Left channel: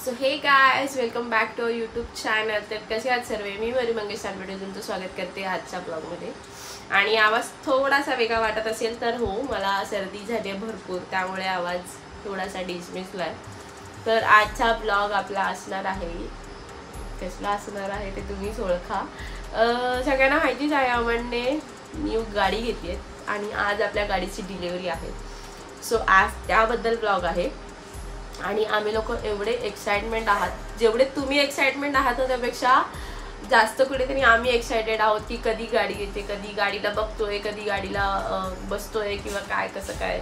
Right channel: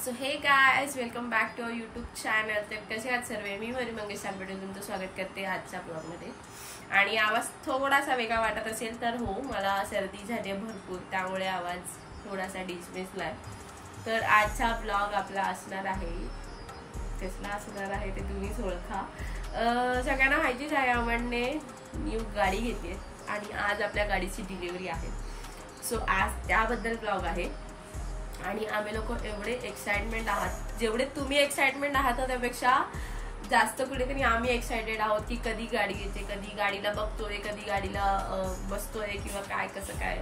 So hey guys, welcome back to our YouTube channel. तर कसे आहात सर्व? मी मरी मंगेश तांबेडे तुमचं स्वागत करते आजच्या ब्लॉगमध्ये. आणि आवाज थोडासा वेगळा वाटत असेल तर हो, मला सर्दी झाली आहे भरपूर, त्यामुळे आवाज थोडासा डिसमिसला आहे. तर आजचा ब्लॉग आपला असणार आहे, कसला असणार आहे ते तुम्हीच ओळखा. सगळ्यांना माहितीच आहे, अमनने न्यू गाडी घेतली आहे आणि आज आपल्या गाडीची डिलिव्हरी आहे. सो आज त्याबद्दल ब्लॉग आहे. आणि आम्ही लोक एवढे एक्साइटमेंट आहात, जेवढे तुम्ही एक्साइटमेंट आहात ना त्यापेक्षा जास्त कुठेतरी आम्ही एक्साइटेड आहोत की कधी गाडी येते, कधी गाडीला बघतोय, कधी गाडीला बसतोय किंवा काय कसं काय.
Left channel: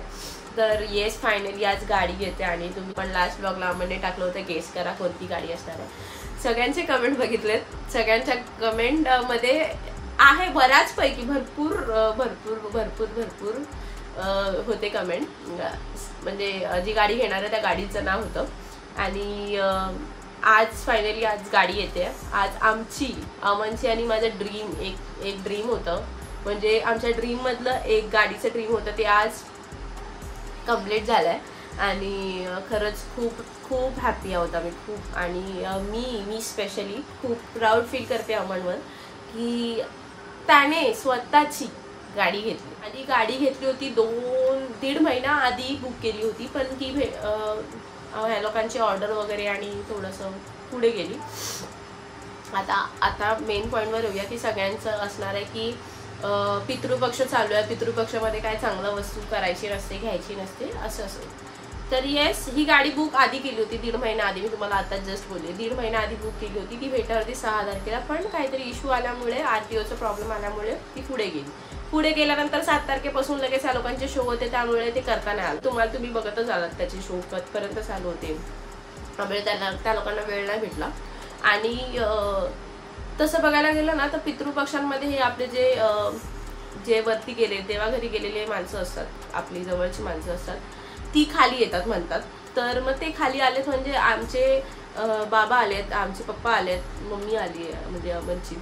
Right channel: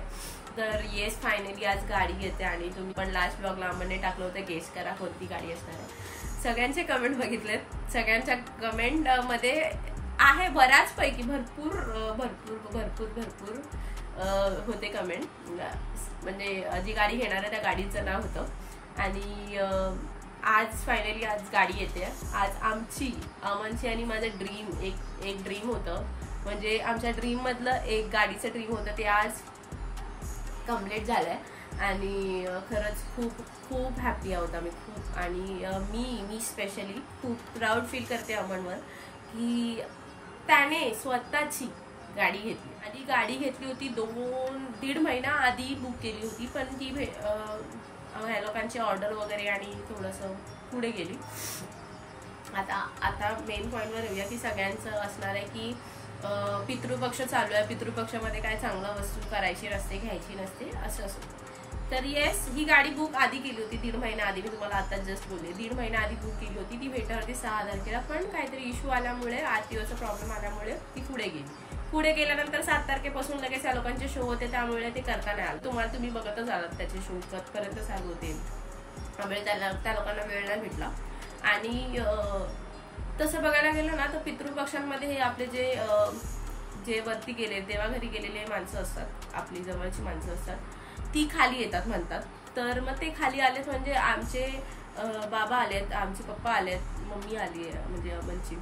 तर येस, फायनली आज गाडी येते. आणि तुम्ही पण लास्ट ब्लॉगला आम्हाला टाकलं होतं, गेस करा कोणती गाडी असणार आहे. सगळ्यांचे कमेंट बघितलेत, सगळ्यांच्या कमेंटमध्ये आहे बऱ्याचपैकी भरपूर भरपूर भरपूर भरपूर होते कमेंट. म्हणजे जी गाडी घेणार आहे त्या गाडीचं नाव होतं. आणि आज फायनली आज गाडी येते. आज अमनची आणि माझं ड्रीम एक ड्रीम होतं, म्हणजे आमच्या ड्रीममधलं एक गाडीचं ड्रीम होतं, ते आज कंप्लीट झालं आहे. आणि खरंच खूप खूप हॅपी आहोत आम्ही खूप. आणि मी स्पेशली खूप प्राऊड फील करते अमनवर की त्याने स्वतःची गाडी घेतली. आधी गाडी घेतली होती 2-1.5 महिना आधी बुक केली होती, पण ती ह्या लोकांची ऑर्डर वगैरे आणि थोडंसं पुढे गेली. आता मेन पॉईंटवर येऊया की सगळ्यांचं असणार आहे की पितृपक्ष चालू आहे, पितृपक्षामध्ये काय चांगलं वस्तू करायची नसते, घ्यायची नसते, असं. तर येस, ही गाडी बुक आधी केली होती 1.5 महिना आधी. मी तुम्हाला आता जस्ट बोलले 1.5 महिना आधी बुक केली होती. ती भेटणार होती 6 तारखेला, पण काहीतरी इश्यू आल्यामुळे, RTOचा प्रॉब्लेम आल्यामुळे ती पुढे गेली. पुढे गेल्यानंतर 7 तारखेपासून लगेच या लोकांचे शो होते, त्यामुळे ते करता नाही आलं. तुम्ही बघतच आलात त्याचे शो कधीपर्यंत चालू होते, त्यामुळे त्या लोकांना वेळ नाही भेटला. आणि तसं बघायला गेलं ना तर पितृपक्षांमध्ये हे आपले जे वरती गेले, देवाघरी गेलेले माणसं असतात, आपली जवळची माणसं असतात, ती खाली येतात म्हणतात. तर मग ते खाली आलेत म्हणजे आमचे बाबा आलेत, आमचे पप्पा आलेत, मम्मी आली आहे म्हणजे अमनची,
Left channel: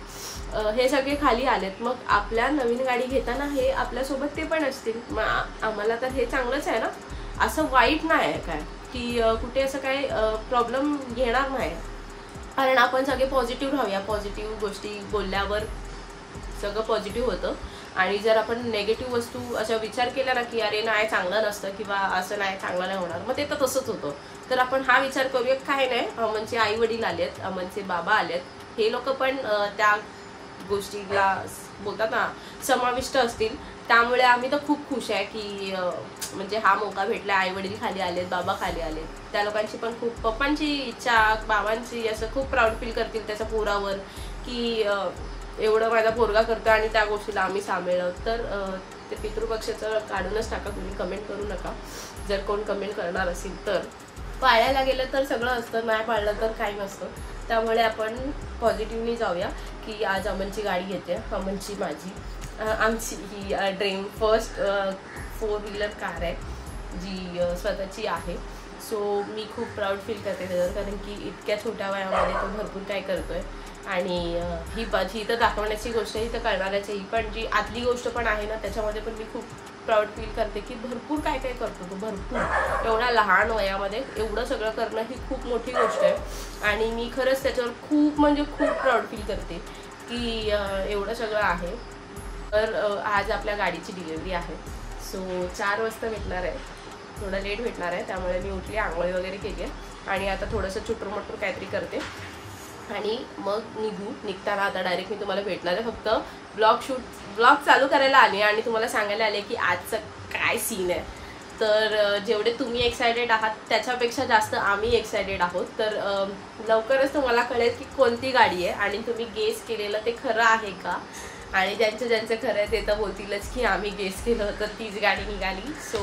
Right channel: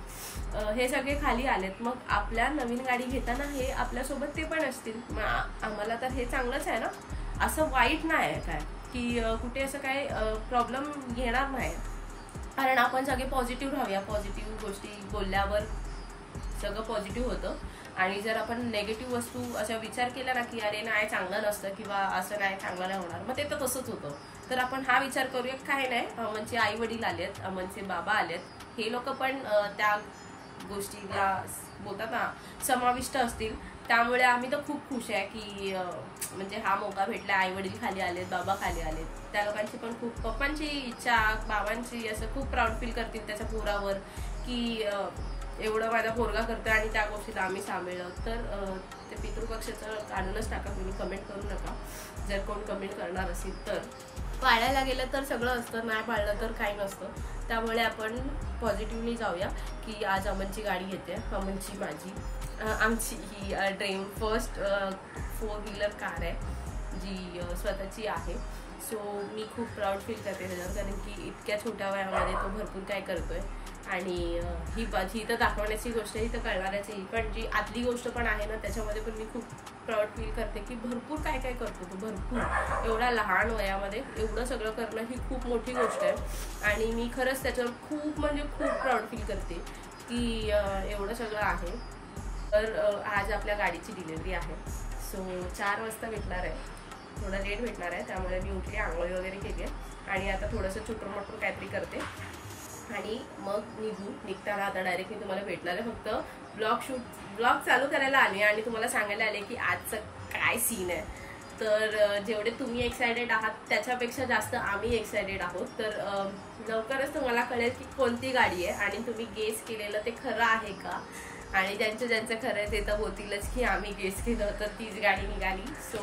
हे सगळे खाली आलेत. मग आपल्या नवीन गाडी घेताना हे आपल्यासोबत ते पण असतील. मग आम्हाला तर हे चांगलंच आहे ना, असं वाईट नाही आहे काय की कुठे असं काय प्रॉब्लेम घेणार नाही. कारण आपण सगळे पॉझिटिव्ह राहूया, पॉझिटिव्ह गोष्टी बोलल्यावर सगळं पॉझिटिव्ह होतं. आणि जर आपण नेगेटिव्ह वस्तू अशा विचार केला ना की अरे नाही चांगलं नसतं किंवा असं नाही चांगलं नाही होणार, मग ते तर तसंच होतं. तर आपण हा विचार करूया, काय नाही, अमनचे आई वडील आलेत, अमनचे बाबा आलेत, हे लोक पण त्या गोष्टीला बोलतात ना समाविष्ट असतील. त्यामुळे आम्ही तर खूप खुश आहे की म्हणजे हा मौका भेटला. आई वडील खाली आलेत, बाबा खाली आलेत, त्या लोकांची पण खूप, पप्पांची इच्छा, बाबांची असं खूप प्राऊड फील करतील त्याच्या पोरावर की एवढं माझा पोरगा करतो आणि त्या गोष्टीला आम्ही सामील. तर ते पितृपक्षाचं काढूनच टाका, तुम्ही कमेंट करू नका. जर कोण कमेंट करणार असेल तर पाळायला गेलं तर सगळं असतं, नाही पाळलं तर काही नसतं. त्यामुळे आपण पॉझिटिव्हली जाऊया की आज अमनची गाडी येते. अमनची, माझी, आमची ही ड्रीम फर्स्ट 4 व्हीलर कार आहे जी स्वतःची आहे. सो मी खूप प्राऊड फील करते त्याच्यावर, कारण की इतक्या छोट्या वयामध्ये तो भरपूर काय करतोय. आणि ही तर दाखवण्याची गोष्ट, ही तर कळणारच आहे. ही पण जी आतली गोष्ट पण आहे ना, त्याच्यामध्ये पण मी खूप प्राऊड फील करते की भरपूर काय काय करतो तो, भरपूर. एवढ्या लहान वयामध्ये एवढं सगळं करणं ही खूप मोठी गोष्ट आहे. आणि मी खरंच त्याच्यावर खूप म्हणजे खूप प्राऊड फील करते की एवढं सगळं आहे. तर आज आपल्या गाडीची डिलिव्हरी आहे. सो 4 वाजता भेटणार आहे, थोडं लेट भेटणार आहे. त्यामुळे मी उठली, आंघोळी वगैरे केली आहे आणि आता थोडंसं चुटूरमटूर काहीतरी करते आणि मग निघताना आता डायरेक्ट मी तुम्हाला भेटणार आहे. फक्त ब्लॉग चालू करायला आली आणि तुम्हाला सांगायला आले की आजचं काय सीन आहे. तर जेवढे तुम्ही एक्सायटेड आहात त्याच्यापेक्षा जास्त आम्ही एक्सायटेड आहोत. तर लवकरच तुम्हाला कळेल की कोणती गाडी आहे आणि तुम्ही गेस केलेलं ते खरं आहे का. आणि ज्यांचं खरं आहे ते तर बोलतीलच की आम्ही गेस केलं होतं तीच गाडी निघाली. सो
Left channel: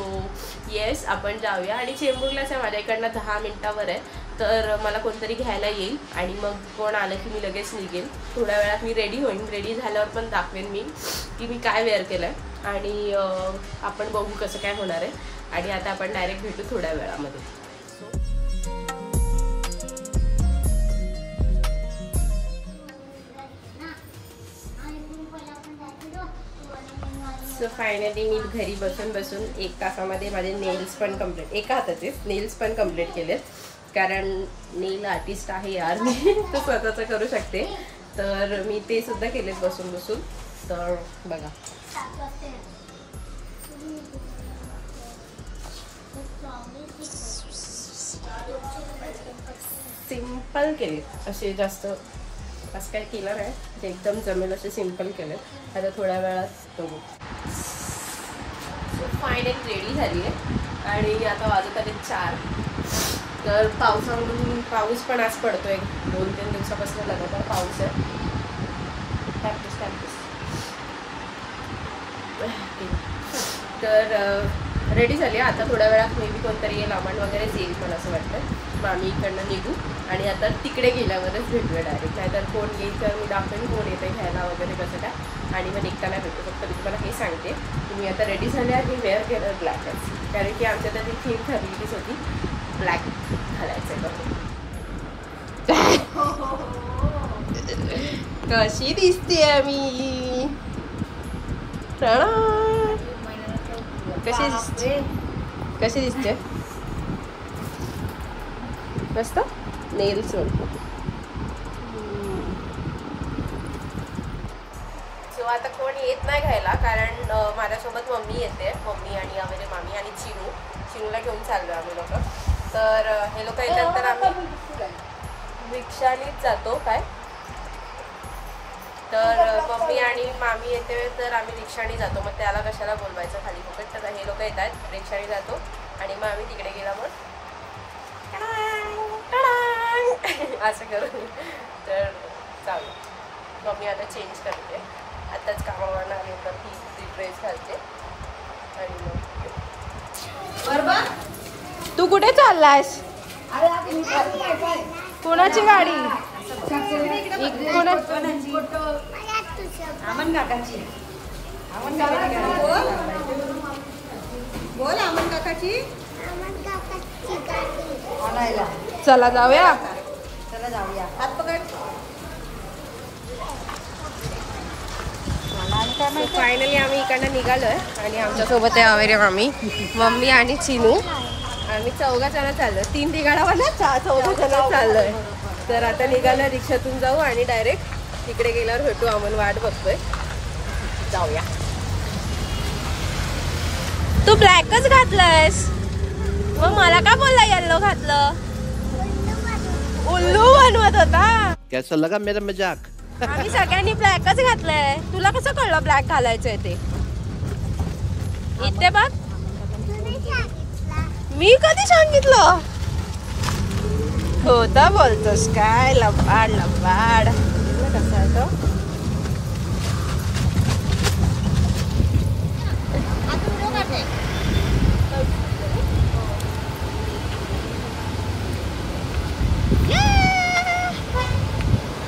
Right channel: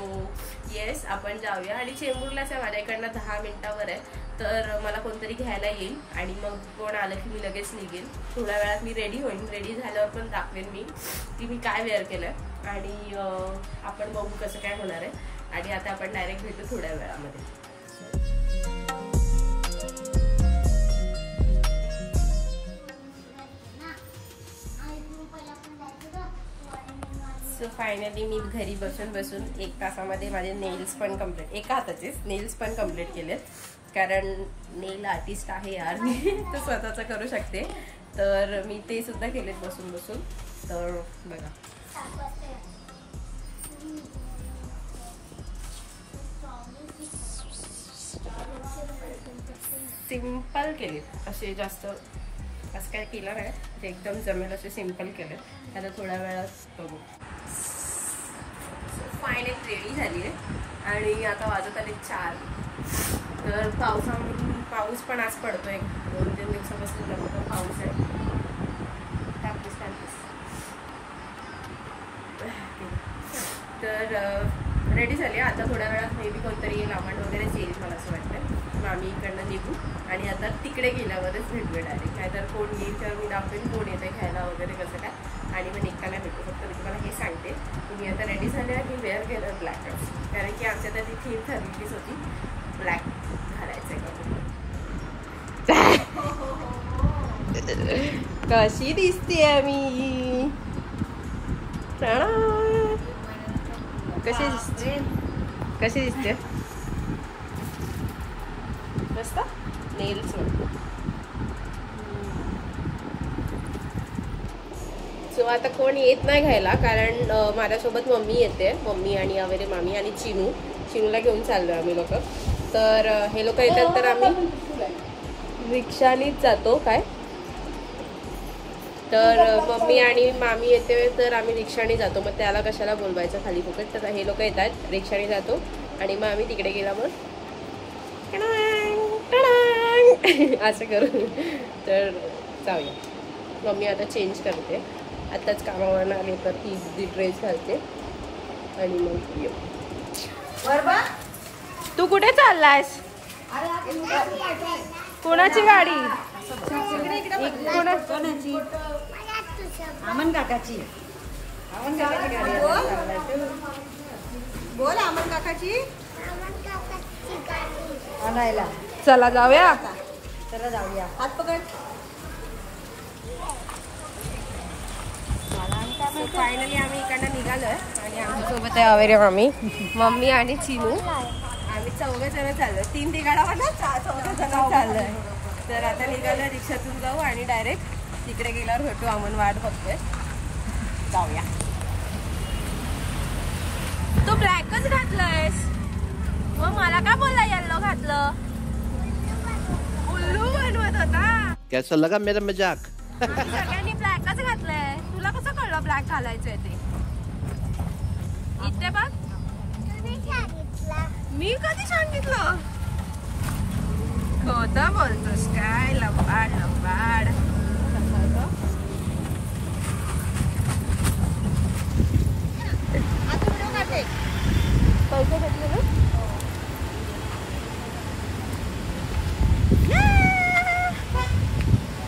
येस, आपण जाऊया. आणि चेंबूरलाच आहे, माझ्या इकडनं 10 मिनिटावर आहे. तर मला कोणतरी घ्यायला येईल आणि मग कोण आलं की मी लगेच निघेल. थोड्या वेळात मी रेडी होईन. रेडी झाल्यावर पण दाखवेन मी की मी काय वेअर केलं आहे. आणि आपण बघू कसं काय होणार आहे. आणि आता आपण डायरेक्ट भेटू थोड्या वेळामध्ये. सो फायनली मी घरी बसून 1 तासामध्ये माझे नेल्स पण कम्प्लीट, एका हाताचेच नेल्स पण कम्प्लीट केलेत. कारण नेल आर्टिस्ट आहे यार मी तर स्वतःचं करू शकते. तर मी ते सुद्धा केलेत बसून बसून. तर बघा सिंपल केलेत असे, जास्त असं काय केलं नाही, ते एकदम जमेल असे सिंपल केलेत. आता थोड्या वेळात बघू. फायनली रेडी झाली आहे आणि आता वाजत आले 4. तर पाऊस पण आज पडतोय, 2-3 दिवसापासून लगातार पाऊस आहे. तर रेडी झाली. आता थोड्या वेळात मे बी कोणतरी येईल, आमांड वगैरे येईल मला असं वाटतं. मग आम्ही इकडनं निघू आणि आता तिकडे गेल्यावरच भेटूया डायरेक्ट. नाहीतर कोण येईल तर मी दाखवेन की कोण येतं घ्यायला वगैरे कसं काय, आणि मग निघताना भेटू. फक्त मी तुम्हाला हे सांगते की मी आता रेडी झाले आणि वेअर केलं ब्लॅकच, कारण की आमच्या तर ती थीम ठरलेलीच होती ब्लॅक घालायचं करून. कशी दिसते मी, कशी दिसते मस्त नेल्स. सो आता कोण येत नाही घ्यायला, कारण माझ्यासोबत मम्मी येते, मम्मी आणि अवेरे मामी आणि चिनूला घेऊन चाललो आम्ही लोक. तर हे लोक येतात तर आम्ही रिक्षानीच जातो काय. तर मम्मी आणि मामी येते तर आम्ही रिक्षाने जातो, मग त्याला कशाला बोलवायचं खाली फुकट. तर हे लोक येतात, रिक्षाने जातो आणि मग आम्ही तिकडे गेला मग असं करू. तर जाऊया. मम्मी आता चेंज करते, आत्ताच कामावर आले तर ती ड्रेस घालते आणि मग येऊ. तू कुठे चाललायस? कोणाची गाडी? बोल अमन काकाची. चला जाऊया. फायनली आम्ही इकडनं निघालोय आणि आमच्यासोबत आहे अवेरे मम्मी आणि चिनू. आम्ही 4 जण चाललोय, 3 ठिकाणावर 4 जण चाललोय. तर आता निघालो, रिक्षातून जाऊ आणि डायरेक्ट तिकडे गेल्यावर भेटू. आम्ही वाट बघतोय, जाऊया. तू ब्लॅकच घातलंयस, मग मला का बोलला येल्लो घातलं? उल्लू बनवत होता. कैसा लगा मेरा मजाक? आम्ही सगळ्यांनी ब्लॅकच घातलंय. तुला कसं कळलं ब्लॅक घालायचंय ते? इथे बघ, मी कधी सांगितलं? खोटं बोलतोस काय? लबाड. कसं आहे तो?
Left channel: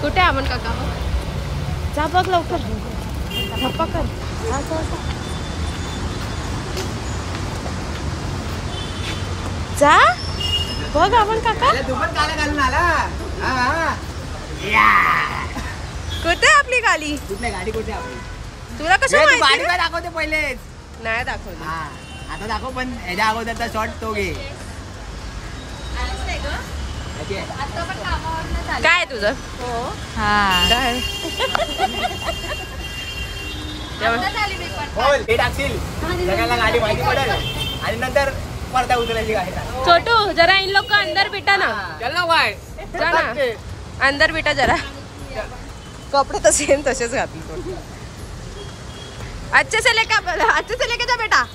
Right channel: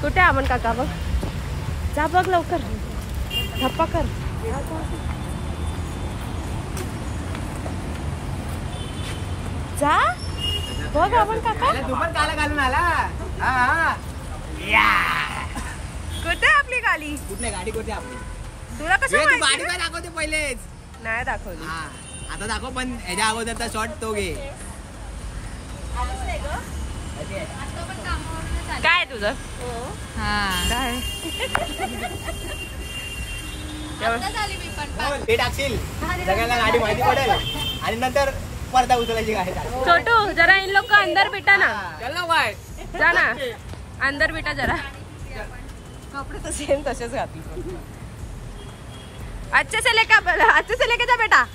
कुठे अमन काका? बघ, जा बघ लवकर, धप्पा कर. जा बघ अमन काका. तू पण काला घालून आला. कुठे आपली गाडी? कुठली गाडी कुठे आपली? तुला कसं माहिती? दाखवते पहिलेच. नाही दाखवली. आता दाखव, पण ह्याच्या अगोदरचा शॉट तो घे. काय तुझं? काय टाकशील सगळ्यांना गाडी माहिती पडेल आणि नंतर परत उचलायची गाडी. छोटू जरा इन लोग को अंदर बिठा ना. चल बाय, जा ना अंदर बिठा जरा. कपडे तर सेम तसेच घातले. अच्छे से लेके जा बेटा.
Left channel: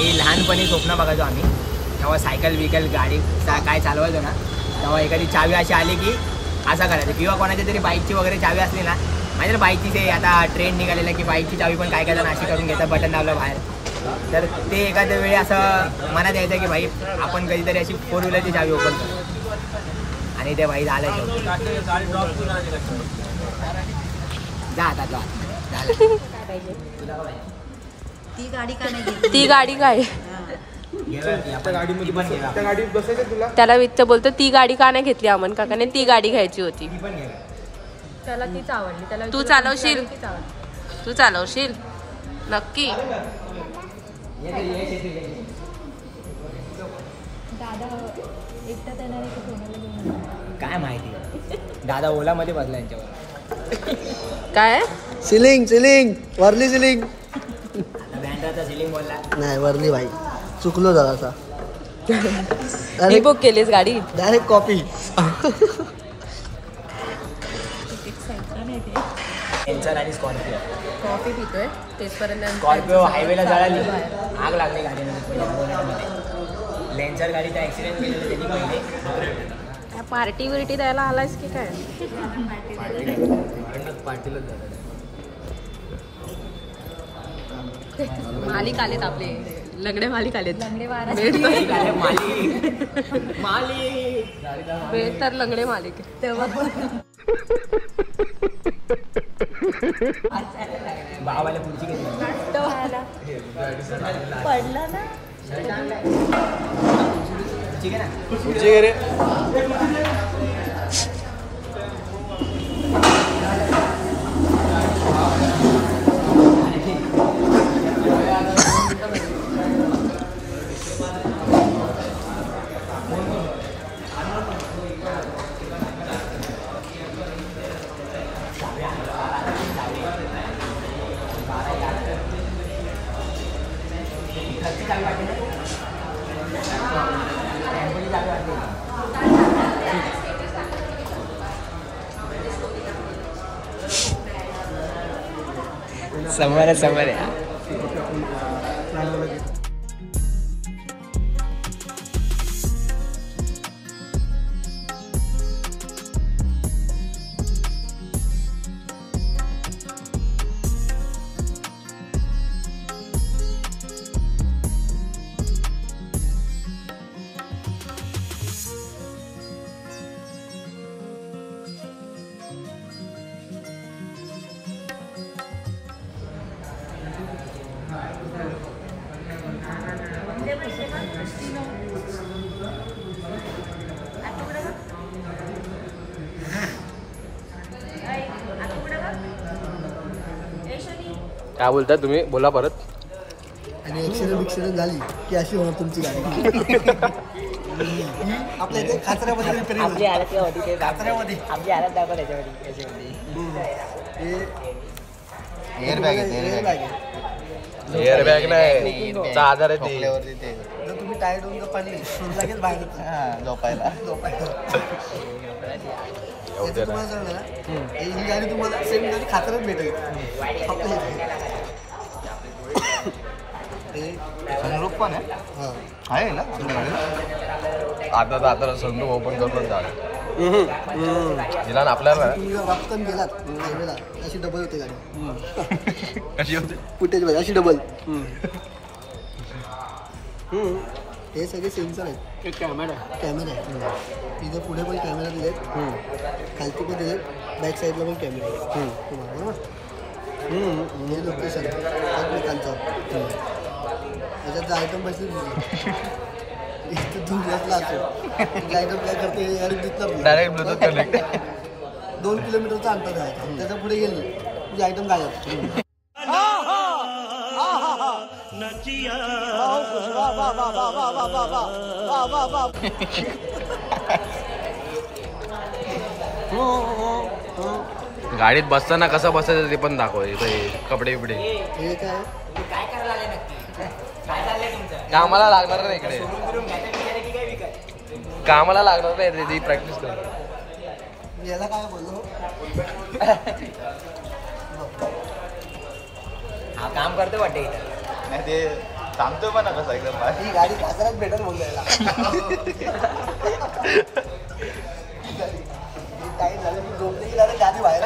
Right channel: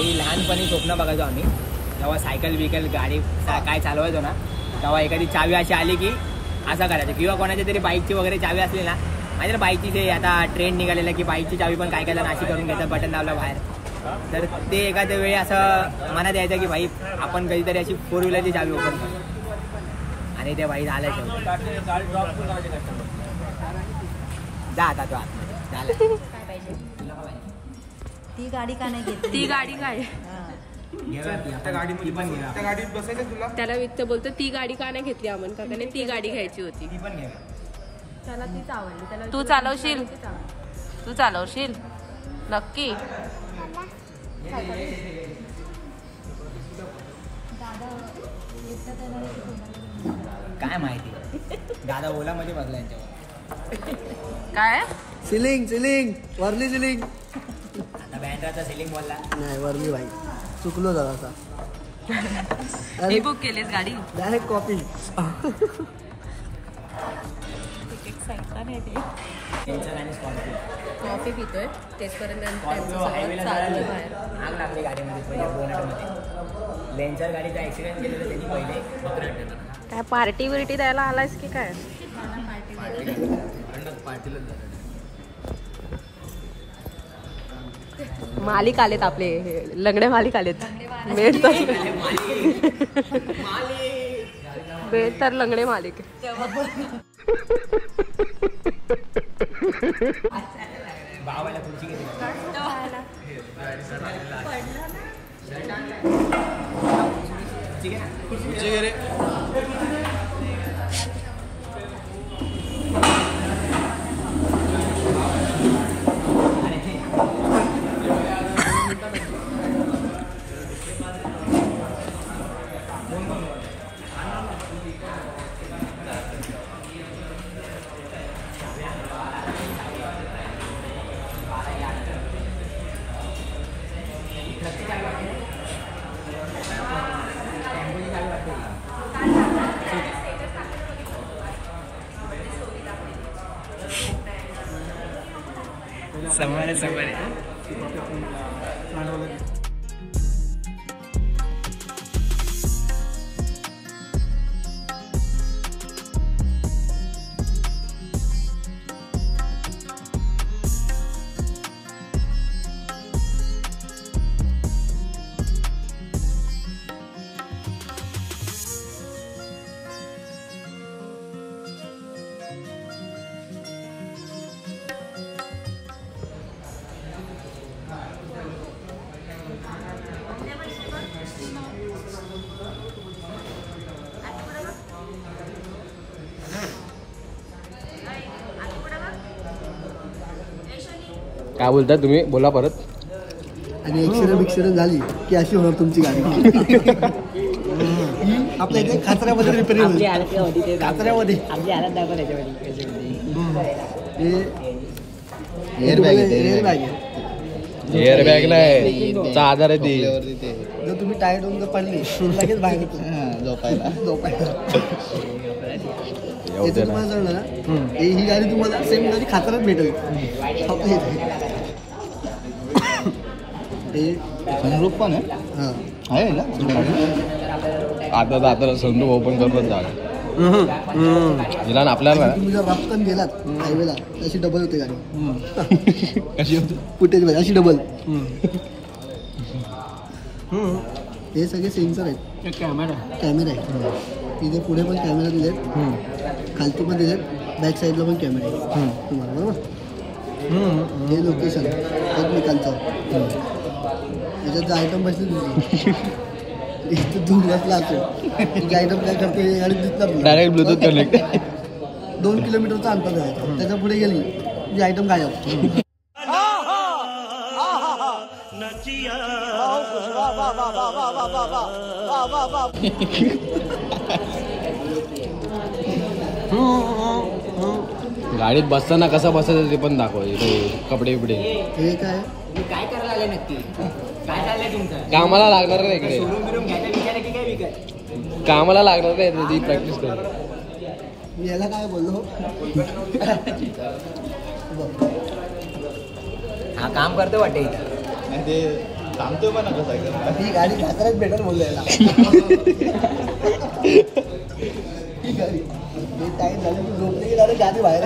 लहानपणी स्वप्न बघायचो आम्ही, तेव्हा सायकल बिकल गाडी काय चालवायचो ना, तेव्हा एखादी चावी अशी आली की असं करायचं. किंवा कोणाच्या तरी बाईकची वगैरे चावी असली ना, माझ्या बाईकची ते आता ट्रेंड निघालेला की बाईकची चावी पण काय जण अशी करून घेतात, बटन दाबलं बाहेर. तर ते एखाद्या वेळी असं मनात यायचं की भाई आपण कधीतरी अशी 4 व्हीलरची चावी ओपन करू. आणि ते भाई झालं. जा आता तू झालं. ती गाडी काय? त्याला वित्त बोलतो ती गाडी का नाही घेतली अमन काकाने? ती गाडी घ्यायची होती. तू चालवशील नक्की? दादा एकटाच येणार आहे की कोणाला घेऊन काय माहिती दादा ओलामध्ये बसला यांच्यावर. काय ceiling ceiling Worli ceiling बँड्राचा ceiling बोलला. नाही वरली भाई चुकलो जरासा. मी बुक केलीस गाडी. Direct copy. आणि स्कॉर्पिओ कॉफी पितोय तेचपर्यंत स्कॉर्पिओ हायवेला जायला बाहेर आग लागली गाडीमध्ये पहिले. लेन्सर गाडीचा ऍक्सिडेंट केलेलं त्यांनी पहिले. काय पार्टी बिर्टी द्यायला आलायस की काय? पार्टीलाच मालिक आलेत आपले लंगडे मालिक आलेत. बेट तर लंगडे मालिक. भावाला पुढची घेतली पडला ना ठीक आहे ना. पुढची रे समोर काय बोलताय तुम्ही? बोला परत. आणि ऍक्सिडेंट झाली की अशी होणार तुमची गाडी. आपल्या इथे खाचऱ्यामध्ये रिपेअरिंग होईल. खाचऱ्यामध्ये एअरबॅग एअरबॅग नाही आधार आहे ती. जर तुम्ही टायर्ड होऊन जर पडले लगेच बाहेर येतो झोपायला. याचं तुम्हाला जळलं ना ही गाडी तुम्हाला सेम गाडी खाचऱ्यात भेटेल आपल्या इथे. सनरूफ पण आहे ना आता सनरूफ ओपन करूनच जा ना आपल्याला. तुम्ही जर रफ्तान गेलात हायवेला अशी डबल होते गाडी. कशी होती फुटेज मध्ये अशी डबल. हे सगळे सेन्सर आहेत. कॅमेरा आहे तिथं पुढे पण कॅमेरा दिलेत खालती पण दिलेत बॅक साईडला पण कॅमेरा आहे बरोबर. हे लोकेशन एकमेकांचं त्याच्यात आयटम बसले इथं दुसऱ्यातला असेल तुझे आयटम काय करते आणि दिसणार डायरेक्ट ब्लूटूथ कनेक्ट. 2 किलोमीटरचा अंतर जायचं त्याच्या पुढे गेली तुझी आयटम गायब. गाडीत बसताना कसं बसायचं ते पण दाखव. कपडे बिपडे हे काय काय करायला आले नक्की? काय चाललंय तुमचं? कामाला लागणार नाही इकडे. सोडून बिरून घ्यायला विचार की काय विकाय? कामाला लागणार नाही ती प्रॅक्टिस कर. मी याला काय बोललो हा काम करतो वाटते ते सांगतो पण कसं एकदम. ही गाडी खाकरात भेटत बोललो याला. ही गाडी हे टाईम झालं की झोपली की डायरेक्ट गाडी बाहेर.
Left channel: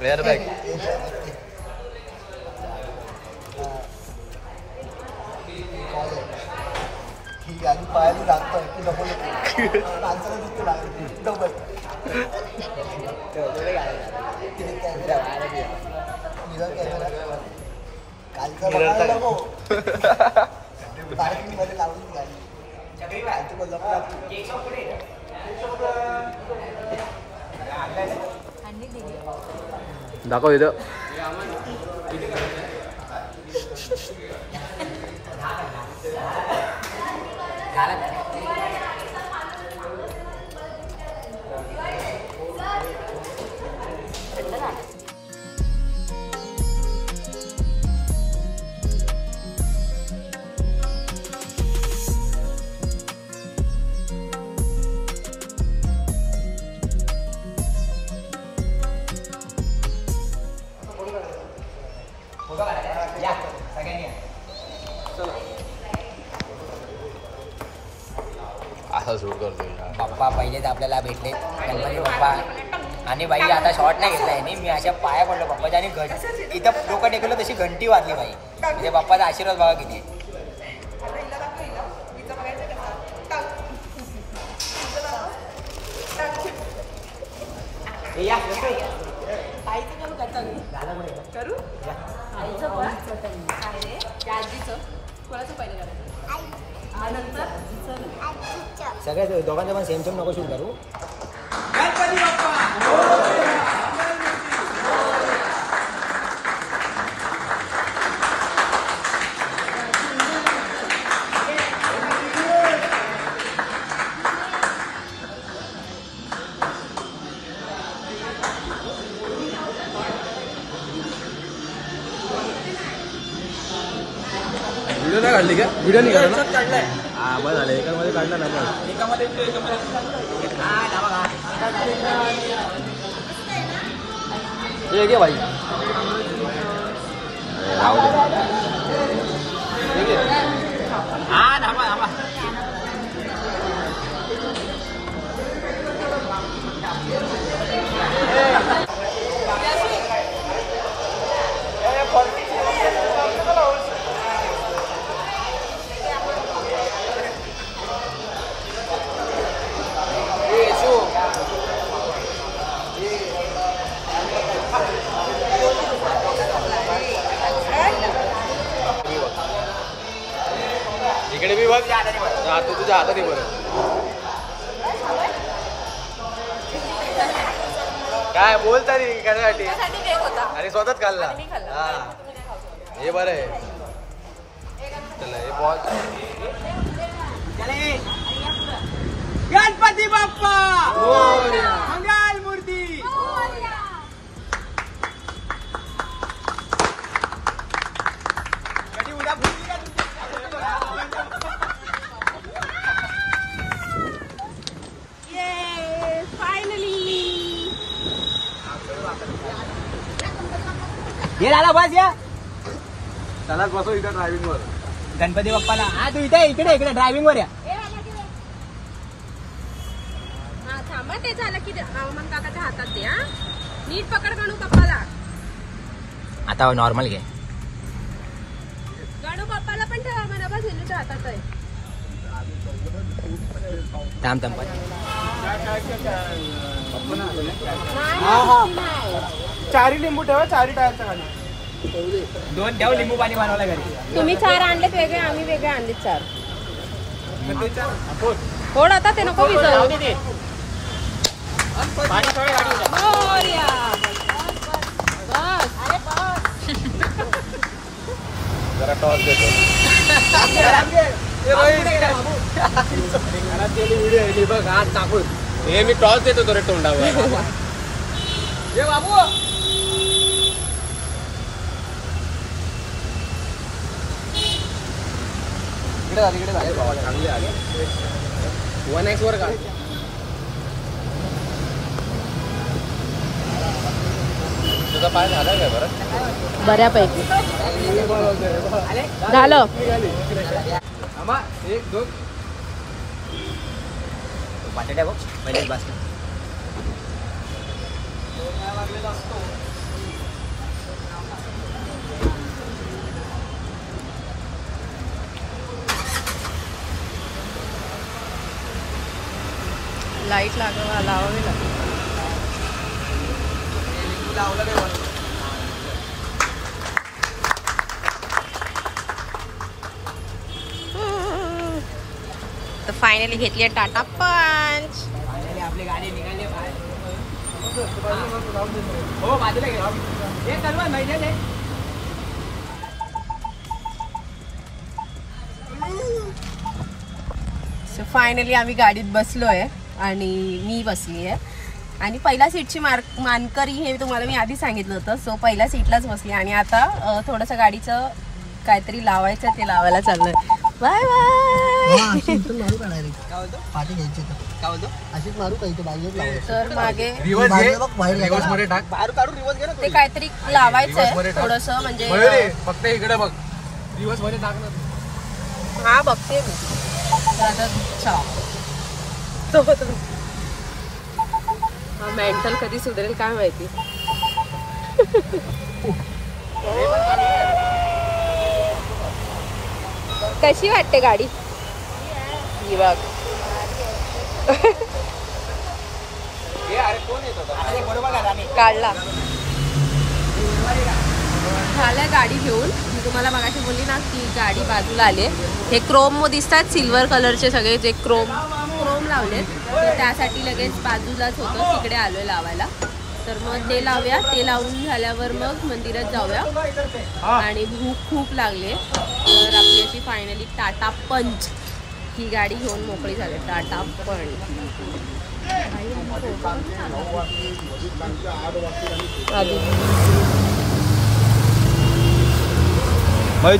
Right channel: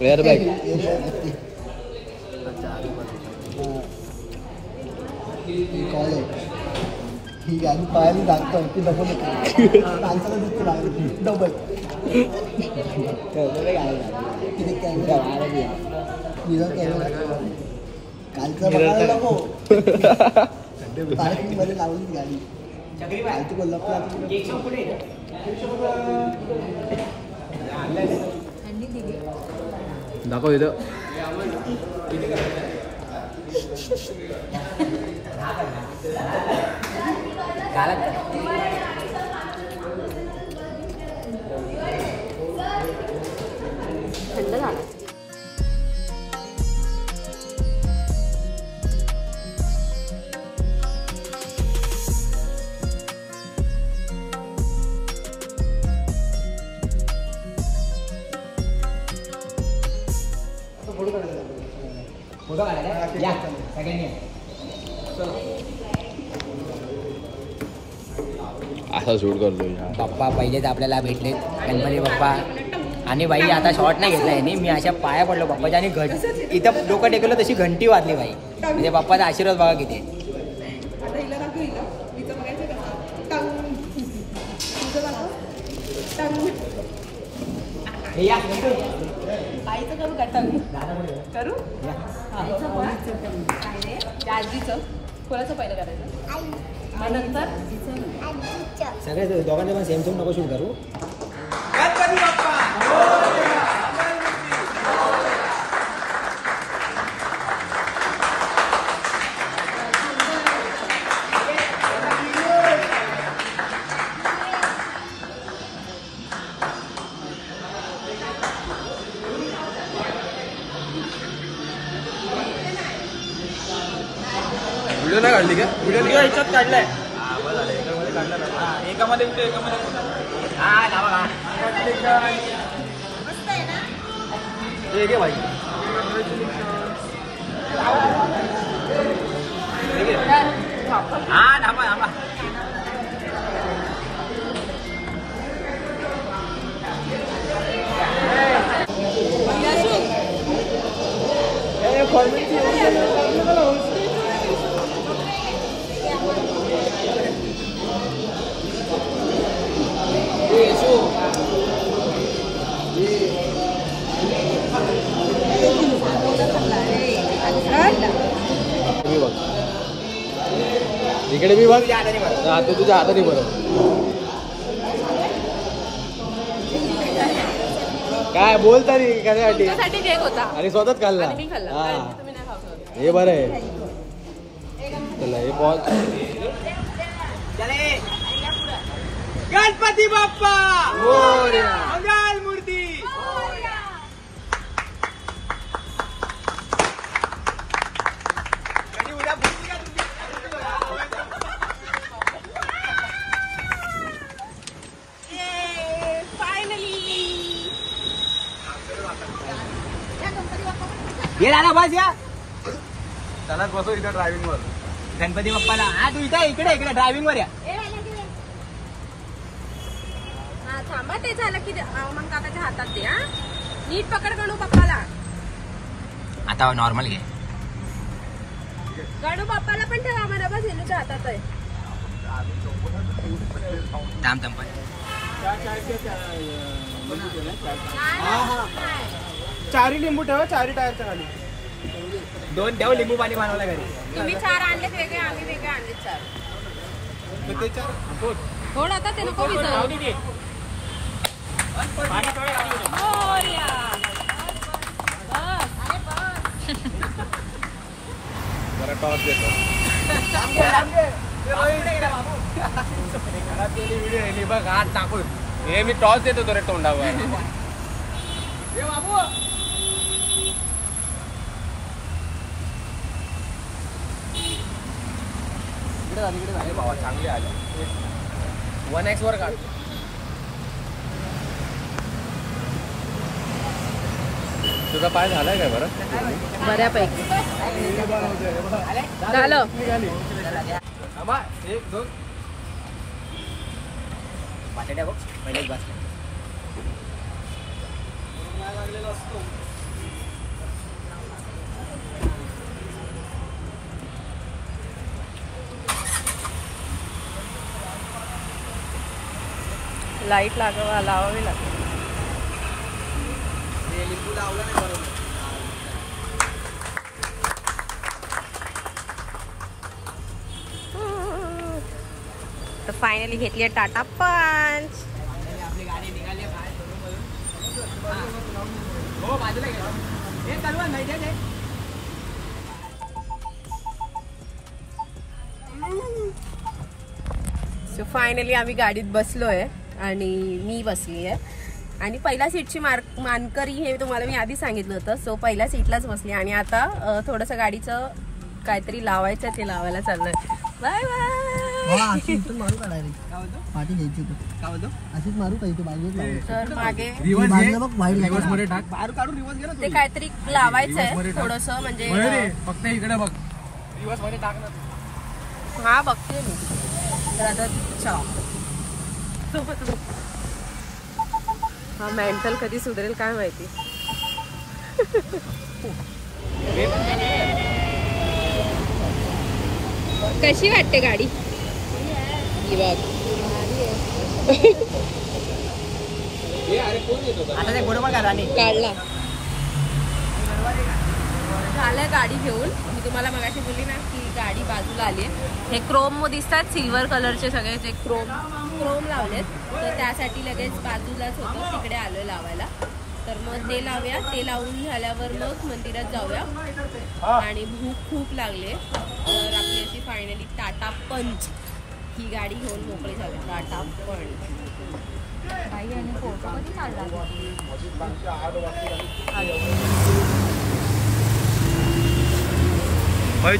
एअरबॅग ही गाडी पायाने दाखतोय ती डबल होते माणसाला दिसते डबल. कालचा पार्किंग मध्ये लावली गाडी कालची कोल्हापूर. यांनी दिली. दाखव इथं. असा शूट करतो. पप्पा पहिलेच आपल्याला भेटले, गणपती बाप्पा. आणि बाई आता शॉर्ट नाही घेतला यांनी, मी अशा पाया पडलो बाप्पाच्या. आणि इथं डोकं टेकवलं तशी घंटी वाजली बाई. म्हणजे बाप्पाचा आशीर्वाद बघा किती. आईचं करू का टंग करू? आईचं आजीचं कोणाचं पहिलं करायचं? नंतर सगळ्या दोघांचे पण सेम सेम नको शूट करू. व्हिडिओ नाही काढली का? व्हिडिओ नाही काढलाय. इकडे मी बघ, तुझ्या हाताने बघ. काय बोलता कशासाठी? आणि स्वतःच खाल्ला. हा हे बरं आहे. चला हे पॉज. गणपती बाप्पा मंगल मूर्ती. ये आला बस या. त्यालाच बसव इथं ड्रायव्हिंग वर. गणपती बाप्पाला. हा तू इथे इकडे ड्रायव्हिंग वर या. ते झालं की हातात ते नीट पकड गणू बाप्पाला. आता नॉर्मल घे. गणू बाप्पाला पण ठेवा मला बस गेलो हातात आहे. थांब चारी लिंबू ठेवा, चारी टायरचं खाली. 2 ठेव लिंबू पाणी बनवलं घरी. तुम्ही 4 आणले वेगळे, आम्ही वेगळे आणले 4. थोड आता ते नको विचारू. बघ आज टाकून हे मी टॉस देत होतो रे तोंडावर. बाबू 1x वर का बऱ्यापैकी झालं. एक दोन बटाट्या बघ पहिले बस. लाईट लावावी लागेल. तर फायनली घेतली टाटा पंच. फायनली आपली गाडी निघाली बाहेर. हो बाजूला घे. हे करू नाही दे. सो फायनली आम्ही गाडीत बसलो आहे आणि मी बसली आहे आणि पहिल्या सीटची मानकरी हे तुम्हाला मी आधी सांगितलं होतं. सो पहिल्या सीटलाच बसली आणि आता थोडंसं गाडीचं काहीतरी लावायचं ते लावायला चाललंय. Bye bye. मारू का नाही पाठी घ्यायची काय बोलतो अशीच मारू का इथे बाहेर तर मागे रिवर्स मध्ये टाक. बाहेर काढून रिवर्स घे ना. ते काहीतरी लावायचंय थोडंसं म्हणजे फक्त इकडे बघ. रिवर्स मध्ये टाक. हा बघते हा मेंटल कधी सुधरेल काय माहिती. कशी वाटते गाडी ही बघ. काढला झालं गाडी घेऊन. मी तुम्हाला मगाशी बोलली ना की गाडी बाजूला आली. हे क्रोम दिसतात सिल्वर कलरचे सगळे जे क्रोम लावलेत तर त्यासाठी लगेच बाजूलाच होतं तिकडे आलोय लावायला. तर मग ते लावूया. ते लावून झाल्यावर मग मंदिरात जाऊया. आणि भूक खूप लागले तर आपली अशी फायनली टाटा पंच ही गाडी घेऊन मोकळी झाली. टाटा पंच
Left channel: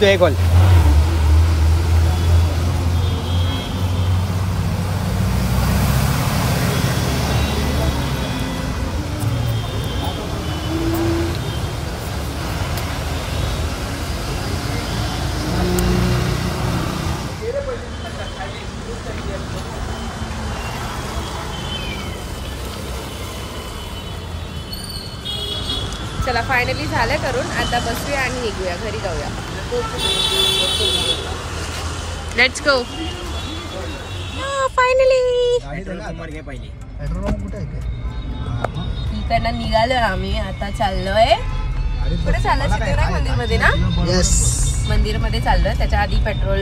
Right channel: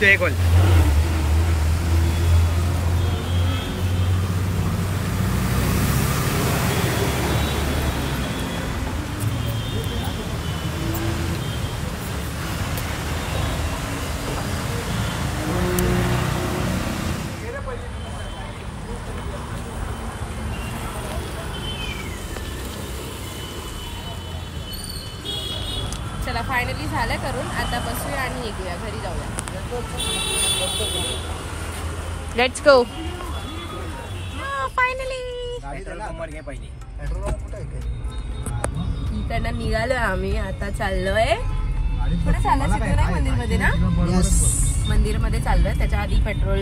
एक कॉल. चला फायनली झालं करून. आता बसूया आणि निघूया घरी जाऊया. Let's go. फायनली इकडनं निघालोय आम्ही. आता चाललोय कुठे चाललोय सिद्धिविनायक मंदिरमध्ये ना. मंदिरमध्ये चाललोय. त्याच्या आधी पेट्रोल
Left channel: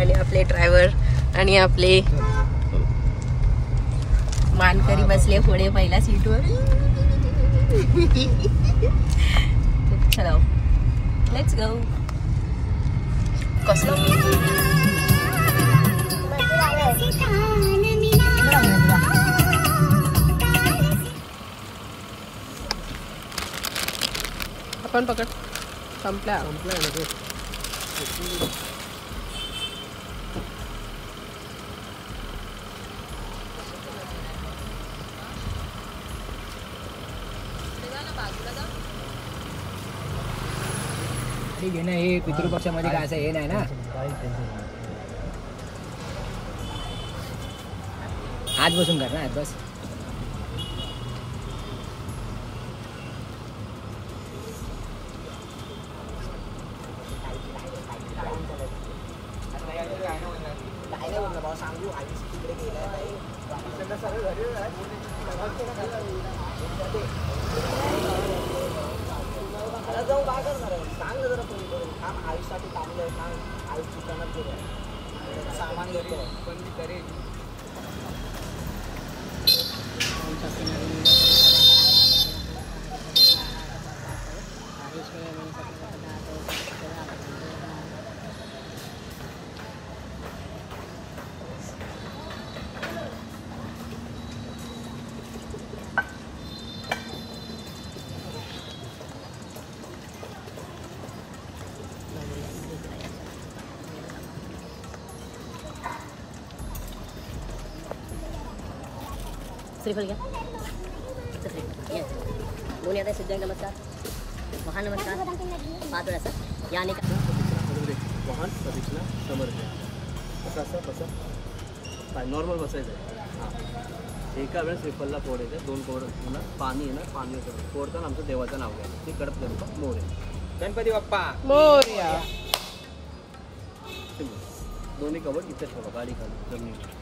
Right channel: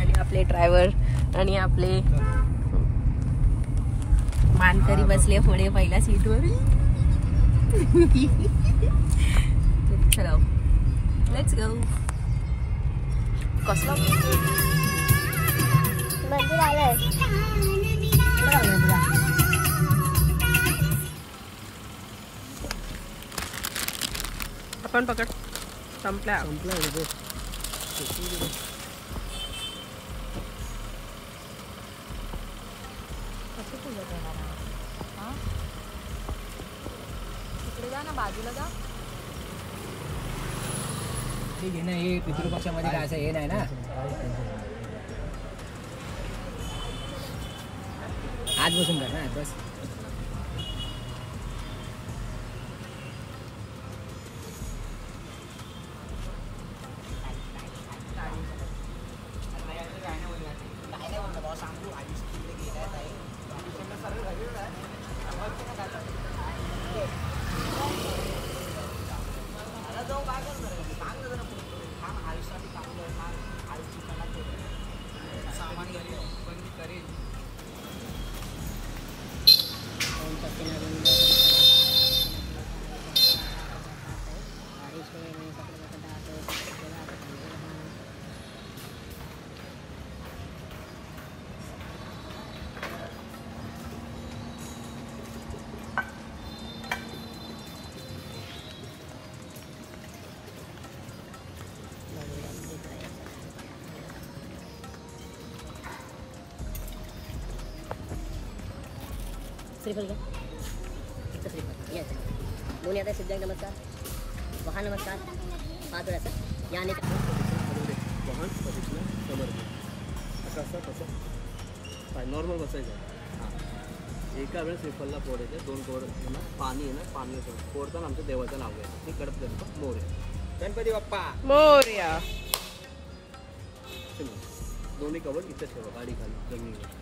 आणि आपले ड्रायव्हर आणि आपले मानकरी बसले पुढे पहिल्या सीटवर. चलो लेट्स गो. कसलं आपण पकड संपल्या. ठीक आहे ना. हे पितृपक्षामध्ये काय असं हे नाही ना. आज बसून कर ना आज बस. श्रीफल घ्या. श्रीफल येस. दोन येत आहे सिद्धिविनायक नमस्कार, वाहन नमस्कार, 5 वेळा सर. या अनेक वाहन प्रदक्षिणा समर्थ. असं असं कसं काय नॉर्मल बसायचं आहे. हां एका वेळेस श्रीफलला फोडायचं. 2 कवड पुन्हा पाणी येणार. पाणी फोडताना आमचं देवाचं नाव घ्यायचं. ते कडप गणपती मोरया. गणपती बाप्पा मोरया. दोन्ही कवड इथं ठेवा गाडी खाली जमिनीवर.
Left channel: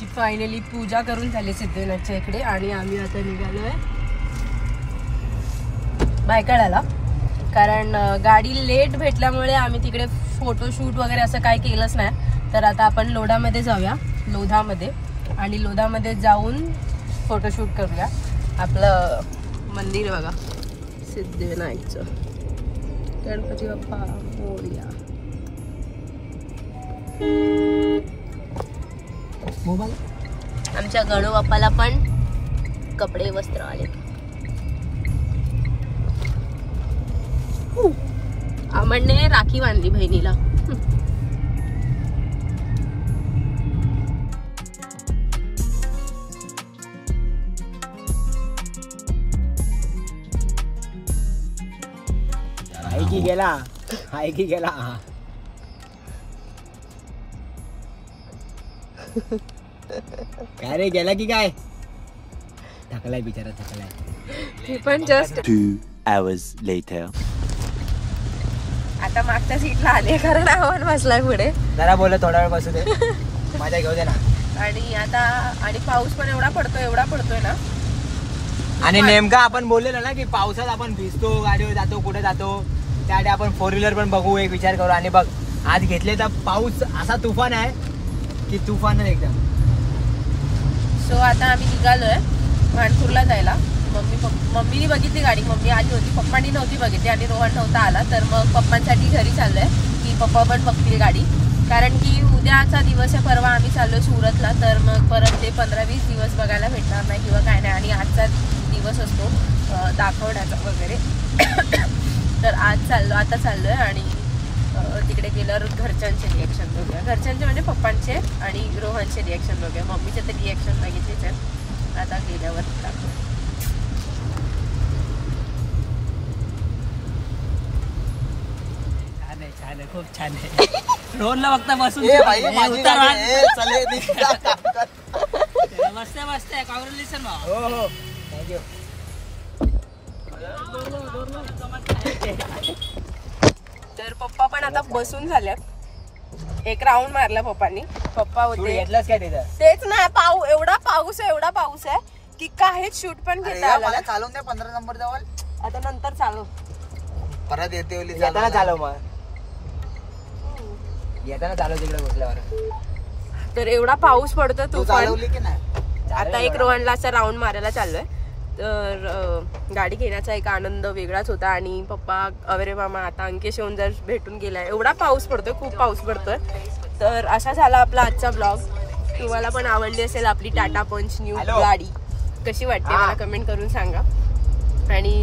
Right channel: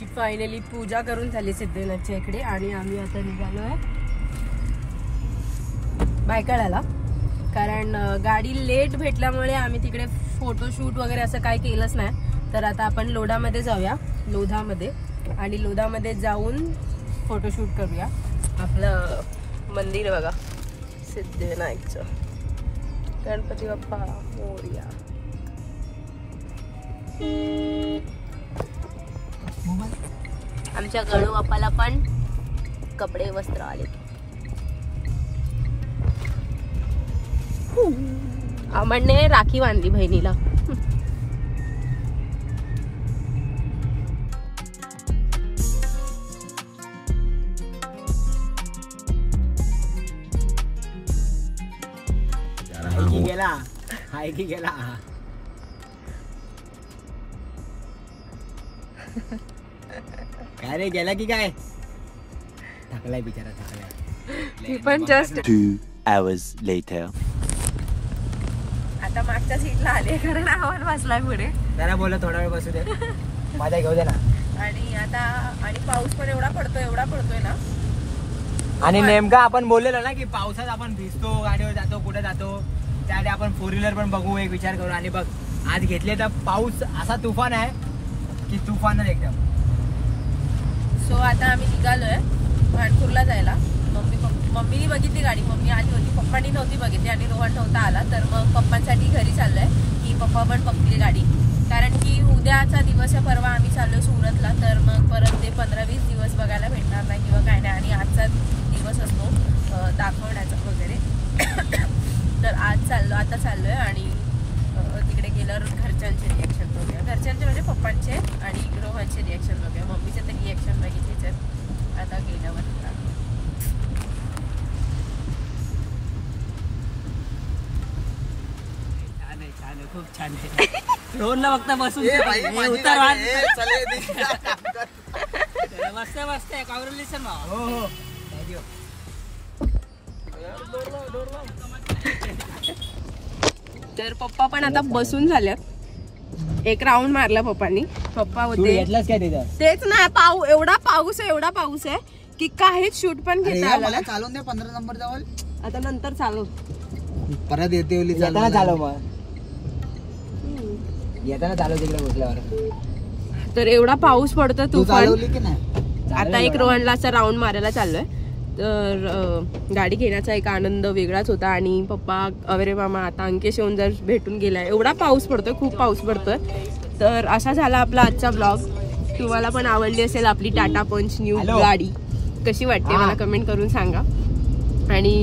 आमची फायनली पूजा करून झाली सिद्धिविनायकच्या इकडे आणि आम्ही आता निघालोय भायखळ्याला. कारण गाडी लेट भेटल्यामुळे आम्ही तिकडे फोटोशूट वगैरे असं काही केलंच नाही. तर आता आपण लोधामध्ये जाऊया, लोधामध्ये, आणि लोधामध्ये जाऊन फोटोशूट करूया. आपलं मंदिर बघा सिद्धिविनायकचं. गणपती बाप्पा मोरया. मोबाईल आमच्या गणू बाप्पाला पण कपडे वस्त्र आले. अमनने राखी बांधली बहिणीला. हाय की गेला काय रे, गेला की काय? थकलाय बिचारा, थकलाय. ती पण जस्ट 2 hours later. आता मागच्या सीटला आली कारण आव्हान बसलाय पुढे. जरा बोल, थोडा वेळ बसू दे, माझ्या घेऊ दे ना. आणि पाऊस पण एवढा पडतोय ना. आणि नेमका आपण बोललेलो ना की पावसात आपण भिजतो, गाडीवर जातो, कुठे जातो, त्यासाठी आपण 4 व्हीलर पण बघू, एक विचार करू. आणि बघ आज घेतले तर पाऊस असा तुफान आहे की तुफानच एकदम. सो आता आम्ही निघालोय भांडपूरला जायला. मम्मीने बघितली गाडी, मम्मी आली होती, पप्पांनी नव्हती बघितली आणि रोहन नव्हता आला. तर मग पप्पांसाठी घरी चाललोय की पप्पा पण बघतील गाडी. कारण की उद्याचा दिवस आहे, परवा आम्ही चाललोय सुरतला. तर मग परत ते 15-20 दिवस बघायला भेटणार नाही किंवा काय नाही. आणि आजचा दिवस असतो दाखवण्याचा वगैरे. तर आता चाललोय आणि तिकडे गेल्यावर घरच्यांचे रिॲक्शन बघूया. घरच्यांचे म्हणजे पप्पांचे आणि रोहनचे रिॲक्शन बघूया. मम्मीचे तर रिॲक्शन बघितलेच आहेत, आता गेल्यावर दाखव. छान आहे, खूप छान आहे. रोहनला फक्त बसून मस्त मस्त आहे. कॉंग्रॅच्युलेशन भाऊ. तर पप्पा पण आता बसून झाल्या. एक राऊंड मारला पप्पांनी. पप्पा होते घेतलंच काय त्याच्यात? तेच ना, एवढा पाऊस आहे की काहीच शूट पण घेता आलं नाही. चालवून द्या 15 नंबर जवळ. आता नंतर चालू परत येते येताना चालव, मग येताना चालव तिकडे उठल्यावर. तर एवढा पाऊस पडतो तू तुफान. चालवली की नाही? आता एक रोहनला असा राऊंड मारायला चाललोय. तर गाडी घेण्याचा एक आनंद वेगळाच होता. आणि पप्पा अरे मामा आता अंकेश येऊन जर भेटून गेलाय. एवढा पाऊस पडतोय, खूप पाऊस पडतोय. तर असा झाला आपला आजचा ब्लॉग. तुम्हाला पण आवडली असेल आपली टाटा पंच न्यू गाडी. कशी वाटते मला कमेंट करून सांगा. आणि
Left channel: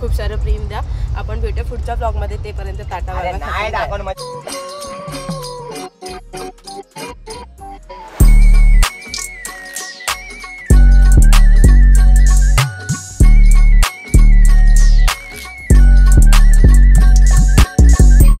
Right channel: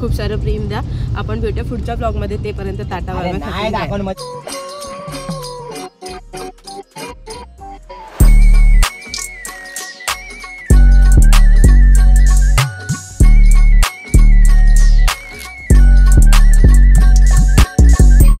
खूप सारं प्रेम द्या. आपण भेटूया पुढच्या ब्लॉग मध्ये. तेपर्यंत टाटा बाय बाय.